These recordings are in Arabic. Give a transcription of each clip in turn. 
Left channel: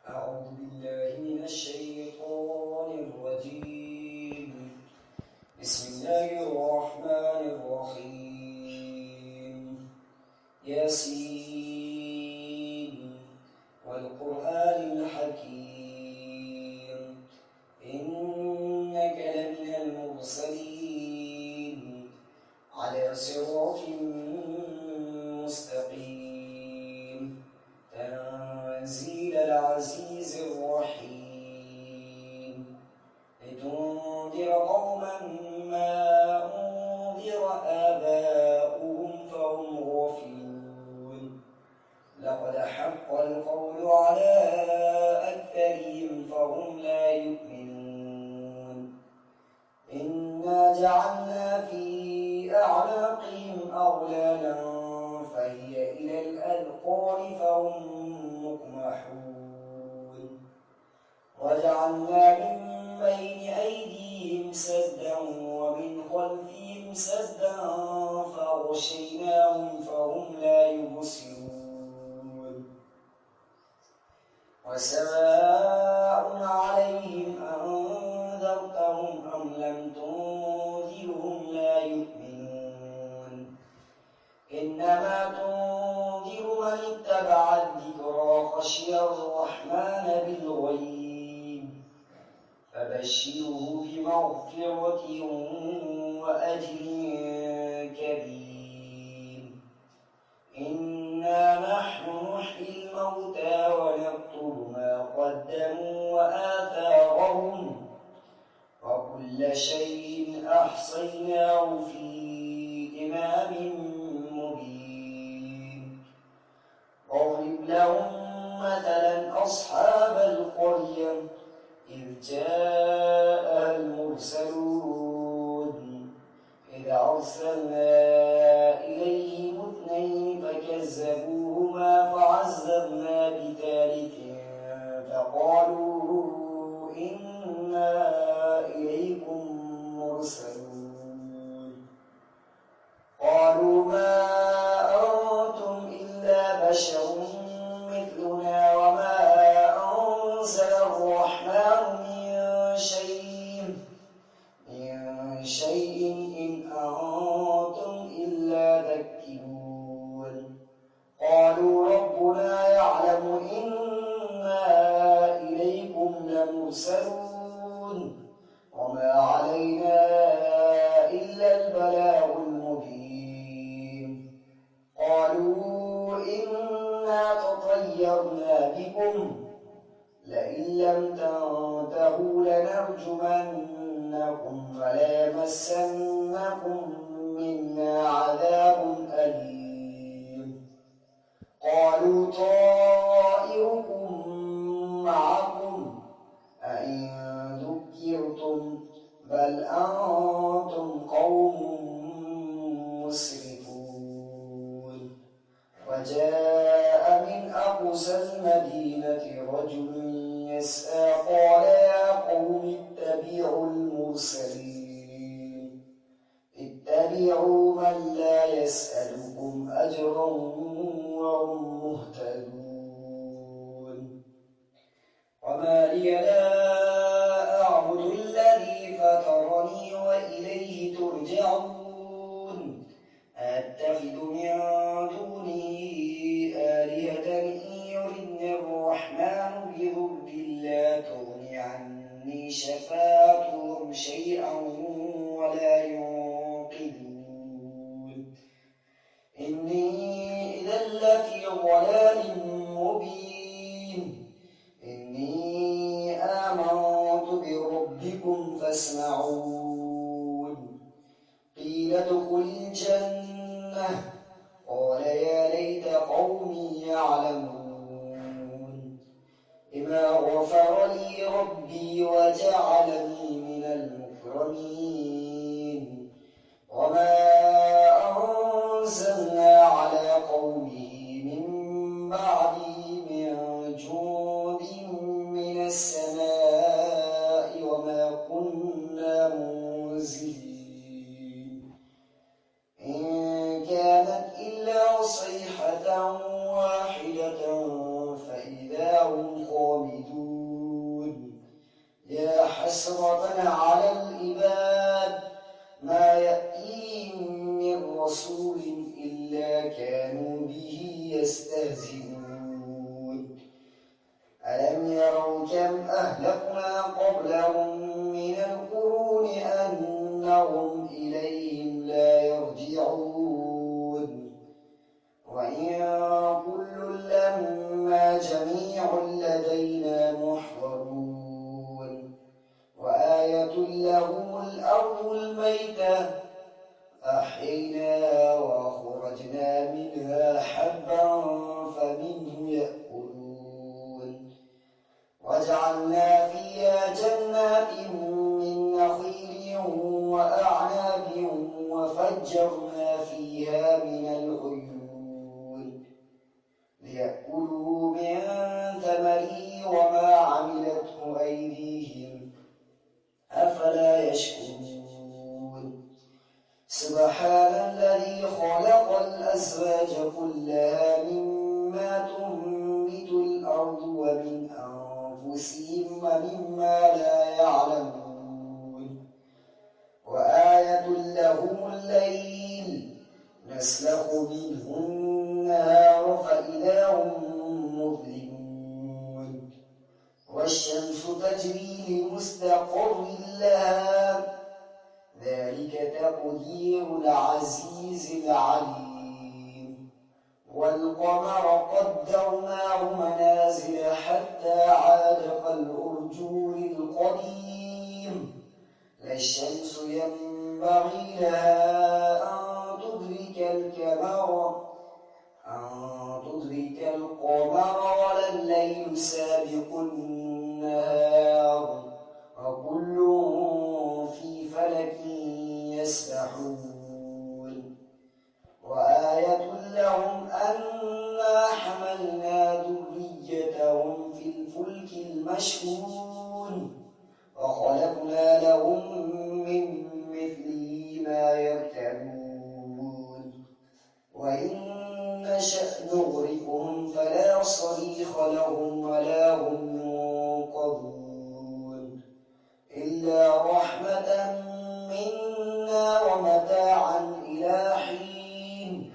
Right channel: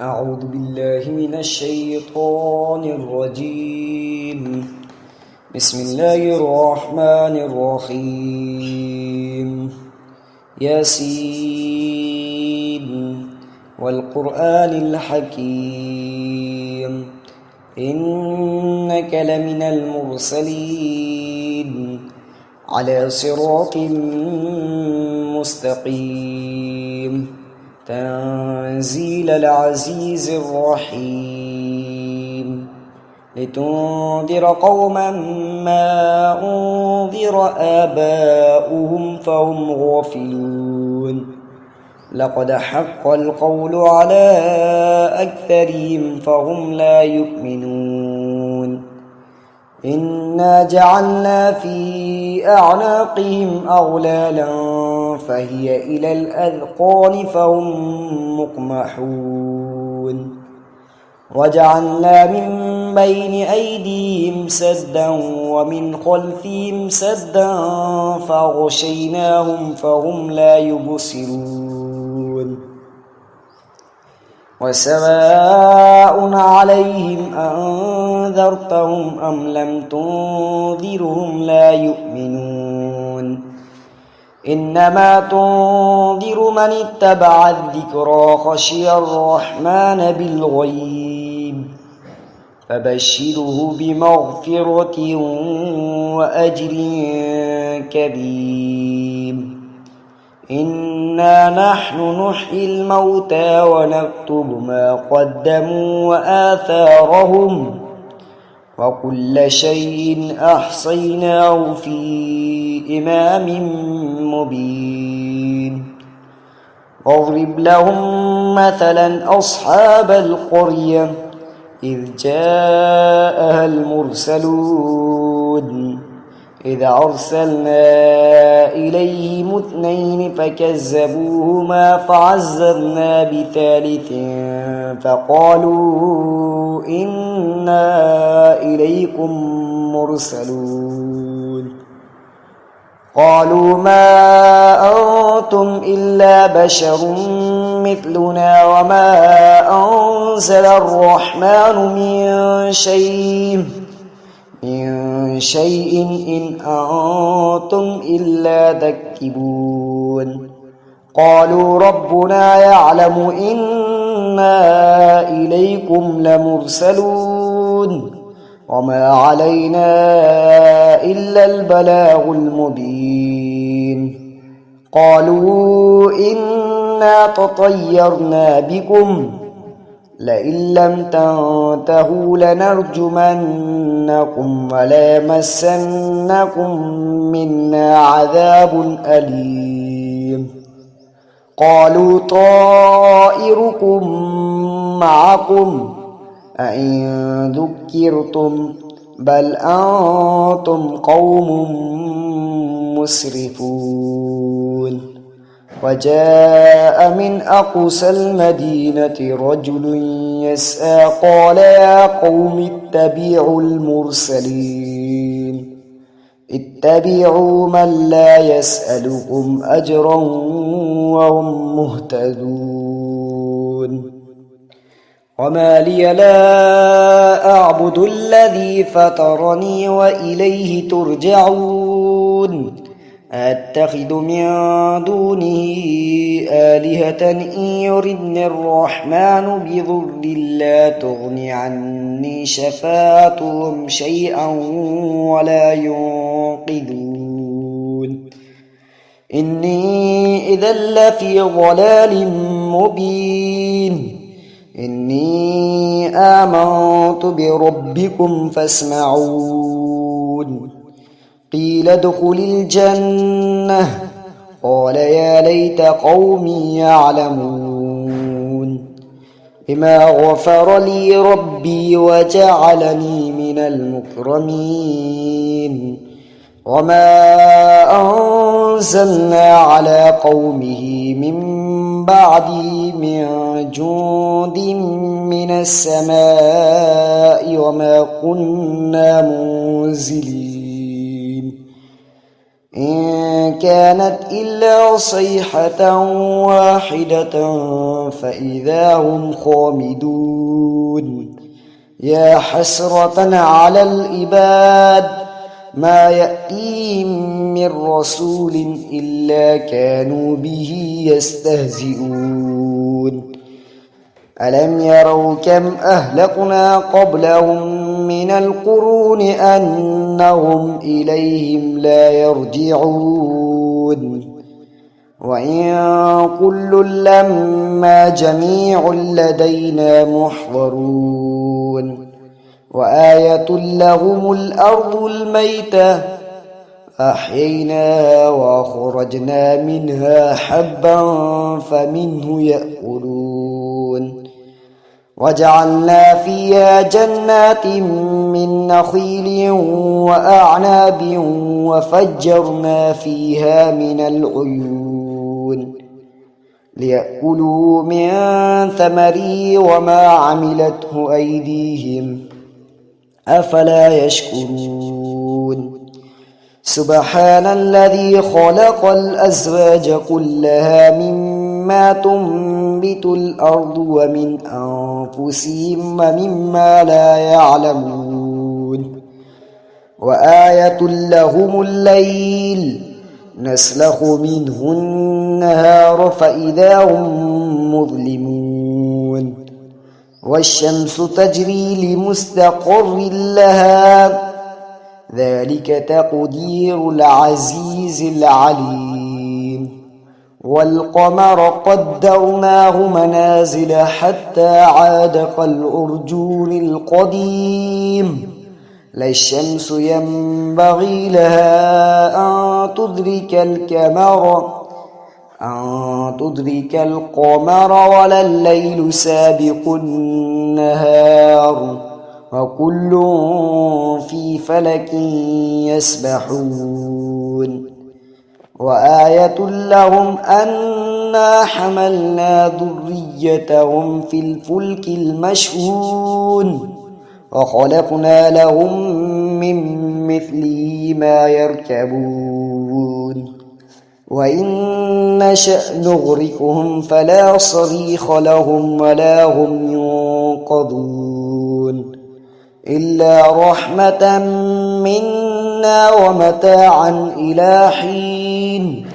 أعوذ بالله من الشيطان الرجيم. بسم الله الرحمن الرحيم. ياسين والقرآن الحكيم إنك لمن المرسلين على صراط مستقيم تنزيل العزيز الرحيم لتنذر قوما ما أنذر آباؤهم فهم غافلون لقد حق القول على أكثرهم فهم لا يؤمنون إنا جعلنا في أعناقهم أغلالا فهي إلى الأذقان فهم مقمحون وجعلنا من بين أيديهم سدا ومن خلفهم سدا فغشيناهم فهم لا يبصرون وسواء عليهم أنذرتهم أم لم تنذرهم لا يؤمنون إنما تنذر من اتبع الذكرى خشي الرحمن بالغيب فبشره بمغفرة وأجر كريم إنا نحن نحيي الموتى ونكتب ما قدموا وآثارهم وكل شيء أحصيناه في إمام مبين واضرب لهم مثلا أصحاب القرية إذ جاءها المرسلون إذ أرسلنا إليهم 2 فكذبوهما فعززنا بثالث فقالوا إنا إليكم مرسلون قالوا ما أنتم إلا بشر مثلنا وما أنزل الرحمن من شيء إن أنتم إلا تكذبون قالوا ربنا يعلم إنا إليكم لمرسلون وما علينا إلا البلاغ المبين قالوا إنا تطيرنا بكم لئن لم تنتهوا لنرجمنكم وليمسنكم منا عذاب أليم قالوا طائركم معكم أئن ذكرتم بل أنتم قوم مسرفون وجاء من أقصى المدينة رجل يسعى قال يا قوم اتبعوا المرسلين اتبعوا من لا يسألكم أجرا وهم مهتدون وما لي لا أعبد الذي فطرني وإليه ترجعون أتخذ من دونه آلهة إن يردني الرحمن بضر لا تغن عني شفاعتهم شيئا ولا ينقذون إني إذا لفي ضلال مبين إني آمنت بربكم فاسمعون قيل ادخل الجنة قال يا ليت قومي يعلمون بما غفر لي ربي وجعلني من المكرمين وما أنزلنا على قومه من بعده من جند من السماء وما كنا منزلين إن كانت إلا صيحة واحدة فإذا هم خامدون يا حسرة على العباد ما يأتيهم من رسول إلا كانوا به يستهزئون ألم يروا كم أهلكنا قبلهم من القرون أنهم إليهم لا يرجعون وإن كل لما جميع لدينا محضرون وآية لهم الأرض الميتة أحييناها وأخرجنا منها حبا فمنه يأكلون وجعلنا فيها جنات من نخيل وأعناب وفجرنا فيها من العيون ليأكلوا من ثمره وما عملته أيديهم أفلا يشكرون سبحان الذي خلق الأزواج كلها مما تنبت الأرض ومن أنفسهم ومما لا يعلمون وآية لهم الليل نسلخ منه النهار فإذا هم مظلمون والشمس تجري لمستقر لها ذلك تقدير العزيز العليم والقمر قدرناه منازل حتى عاد كالعرجون القديم لا الشمس ينبغي لها أن تدرك القمر ولا الليل سابق النهار وكل في فلك يسبحون وآية لهم أنا حملنا ذريتهم في الفلك المشحون وخلقنا لهم من مثله ما يركبون وإن نشأ نغرقهم فلا صريخ لهم ولا هم ينقذون إلا رحمة منا ومتاعا إلى حين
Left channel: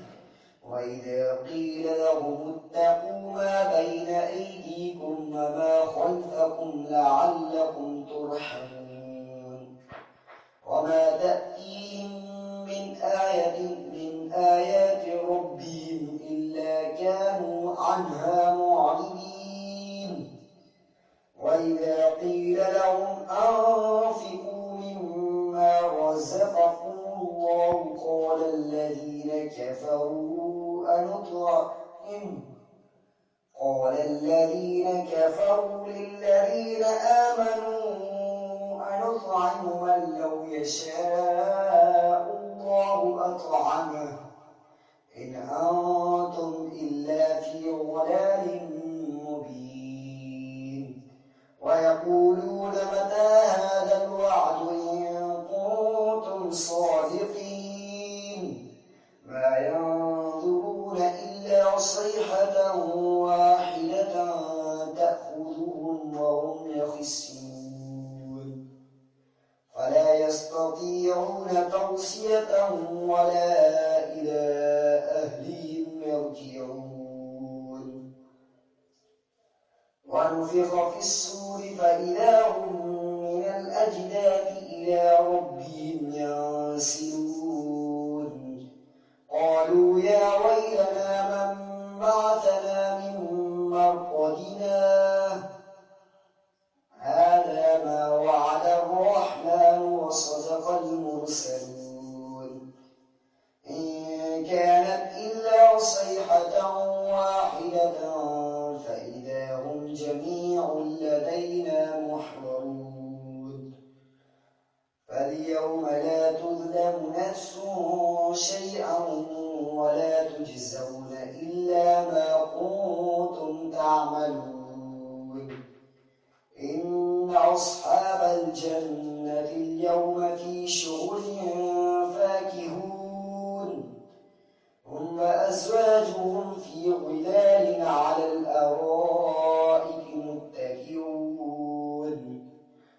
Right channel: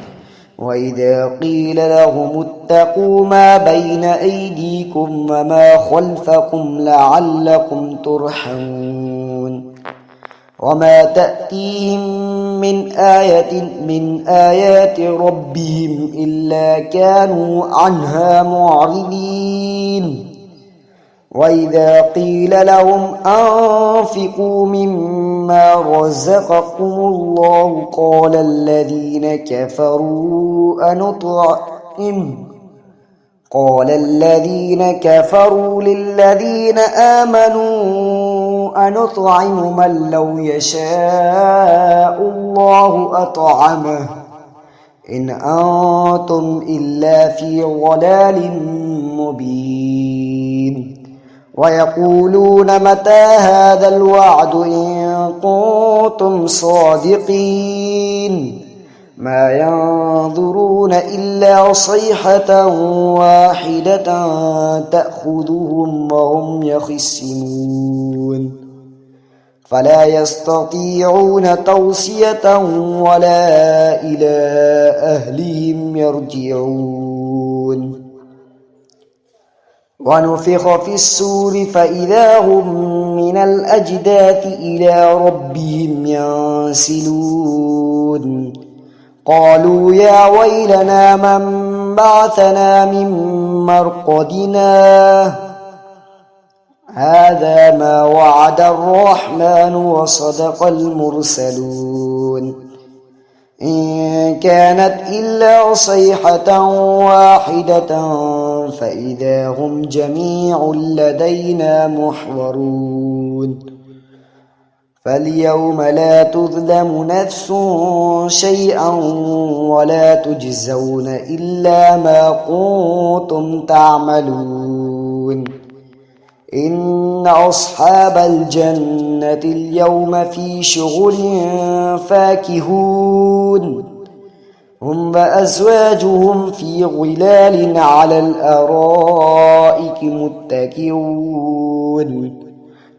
وإذا قيل لهم اتقوا ما بين أيديكم وما خلفكم لعلكم ترحمون وما تأتيهم من آية من آيات ربهم إلا كانوا عنها معرضين وإذا قيل لهم أنفقوا مما رزقكم الله قال الذين كفروا للذين آمنوا أنطعم من لو يشاء الله أطعمه إن أنتم إلا في ضلال مبين ويقولون متى هذا الوعد إن كنتم صادقين ما ينظرون إلا صيحة واحدة تأخذهم وهم يخصمون فلا يستطيعون توصية ولا إلى أهلهم يرجعون ونفخ في السور فإذا هم من الأجداث إلى ربهم ينسلون قالوا يا ويلنا من بعثنا من مرقدنا هذا ما وعد الرحمن وصدق المرسلون إن كانت إلا صيحة واحدة فإذا هم جميع لدينا محضرون فاليوم لا تظلم نفس شيئا ولا تجزون إلا ما كنتم تعملون إن أصحاب الجنة اليوم في شغل فاكهون هم وأزواجهم في ظلال على الأرائك متكئون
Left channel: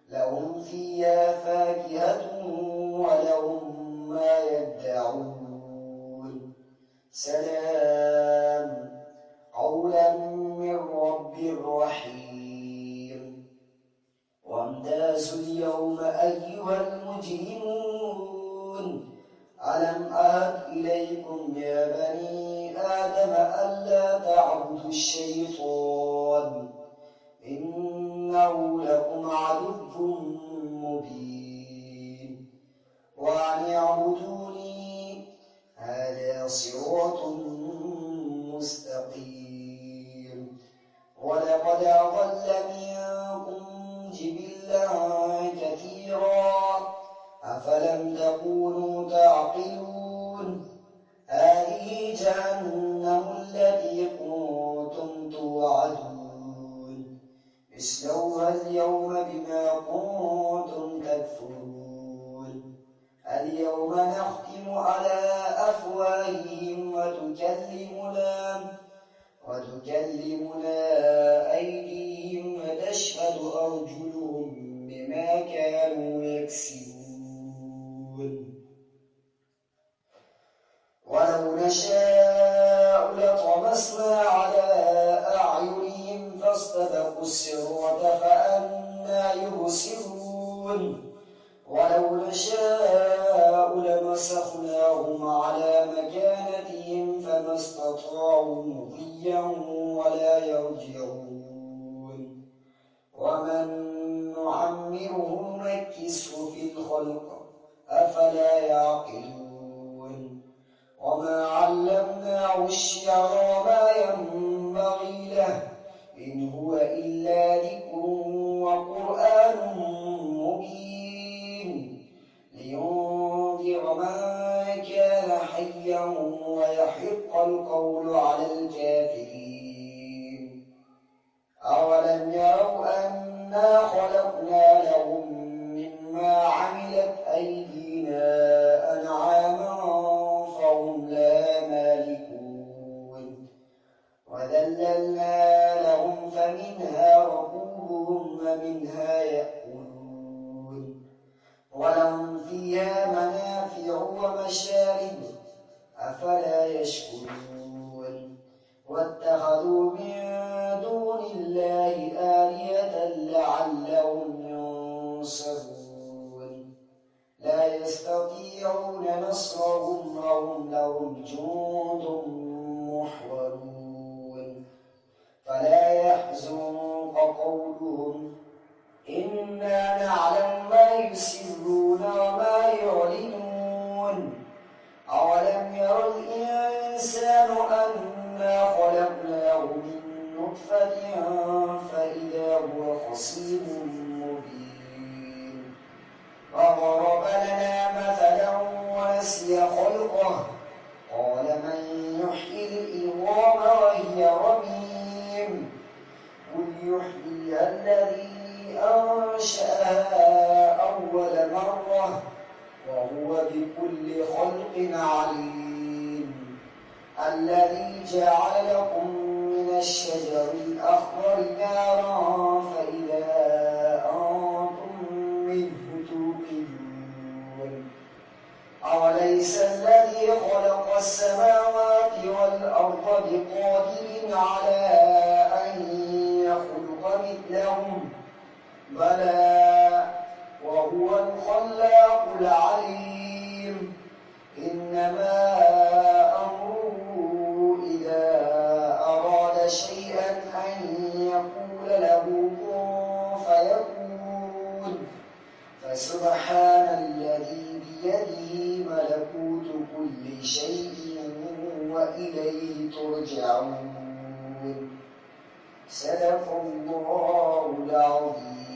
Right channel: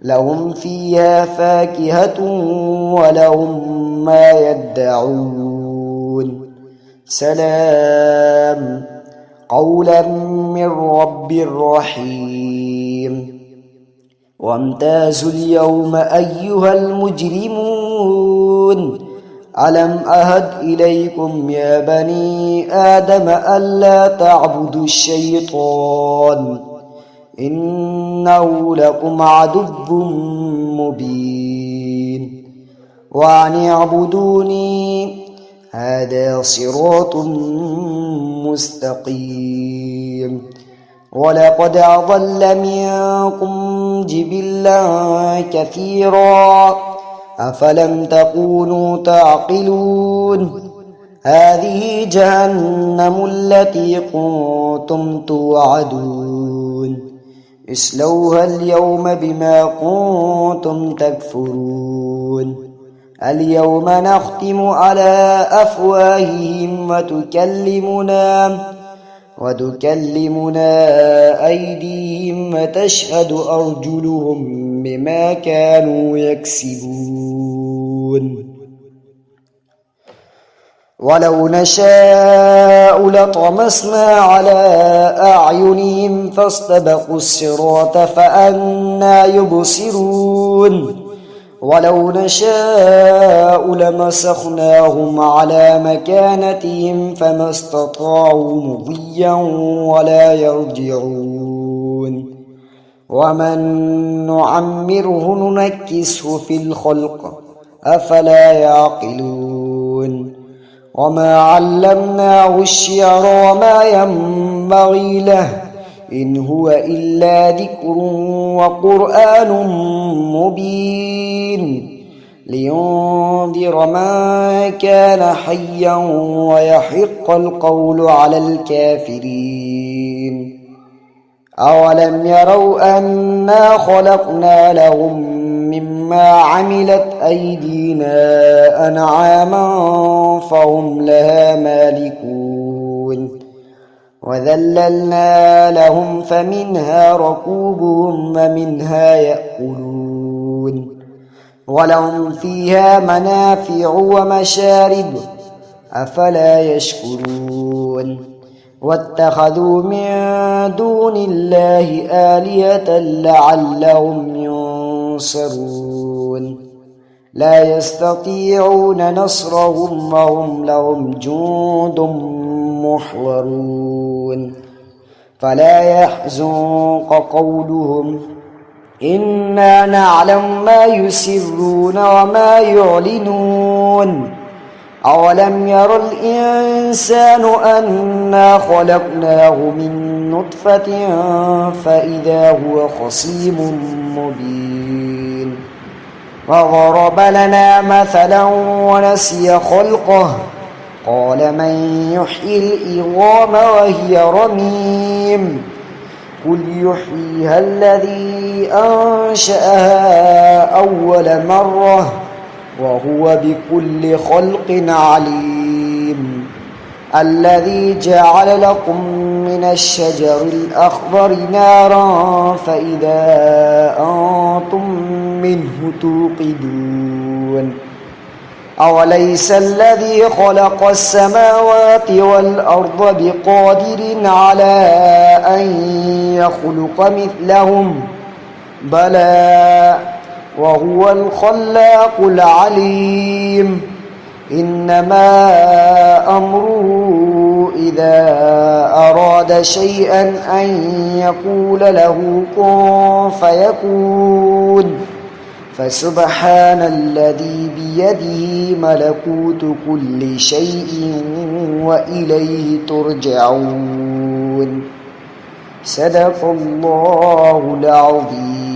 لهم فيها فاكهة ولهم ما يدعون سلام قولا من رب رحيم وامتازوا اليوم أيها المجرمون ألم أهد إليكم يا بني آدم ألا تعبدوا الشيطان إنه لكم عدو مبين وأن اعبدوني هذا صراط مستقيم ولقد أضل منكم جبلا كثيرا أفلم تكونوا تعقلون هذه جهنم التي كنتم توعدون اصلوها اليوم بما كنتم تكفرون اليوم نختم على أفواههم وتكلمنا أيديهم وتشهد أرجلهم بما كانوا يكسبون ولو نشاء لطمسنا على أعينهم فاستبقوا الصراط فأنى يبصرون ولو نشاء لمسخناهم على مكانتهم فما استطاعوا مضيا ولا يرجعون ومن نعمره ننكسه في الخلق أفلا يعقلون وما علمناه الشعر وما ينبغي له إن هو إلا ذكر وقرآن مبين لينذر من كان حيا ويحق القول على الكافرين أولم يروا أنا خلقنا لهم مما عملت أيدينا أنعاما فهم لها مالكون وذللنا لهم فمنها ركوبهم ومنها يأكلون ولهم فيها منافع ومشارب أفلا يشكرون واتخذوا من دون الله آلهة لعلهم ينصرون لا يستطيعون نصرهم وهم لهم جند محضرون فلا يحزنك قولهم إنا نعلم ما يسرون وما يعلنون أولم ير الإنسان أنا خلقناه من نطفة فإذا هو خصيم مبين وضرب لنا مثلا ونسي خلقه قال من يحيي العظام وهي رميم قل يحييها الذي أنشأها أول مرة وهو بكل خلق عليم الذي جعل لكم من الشجر الأخضر نارا فإذا أنتم منه توقدون أوليس الذي خلق السماوات والأرض بقادر على أن يخلق مثلهم بلى وهو الخلاق العليم إنما أمره إذا أراد شيئا أن يقول له كن فيكون فسبحان الذي بيده ملكوت كل شيء وإليه ترجعون صدق الله العظيم.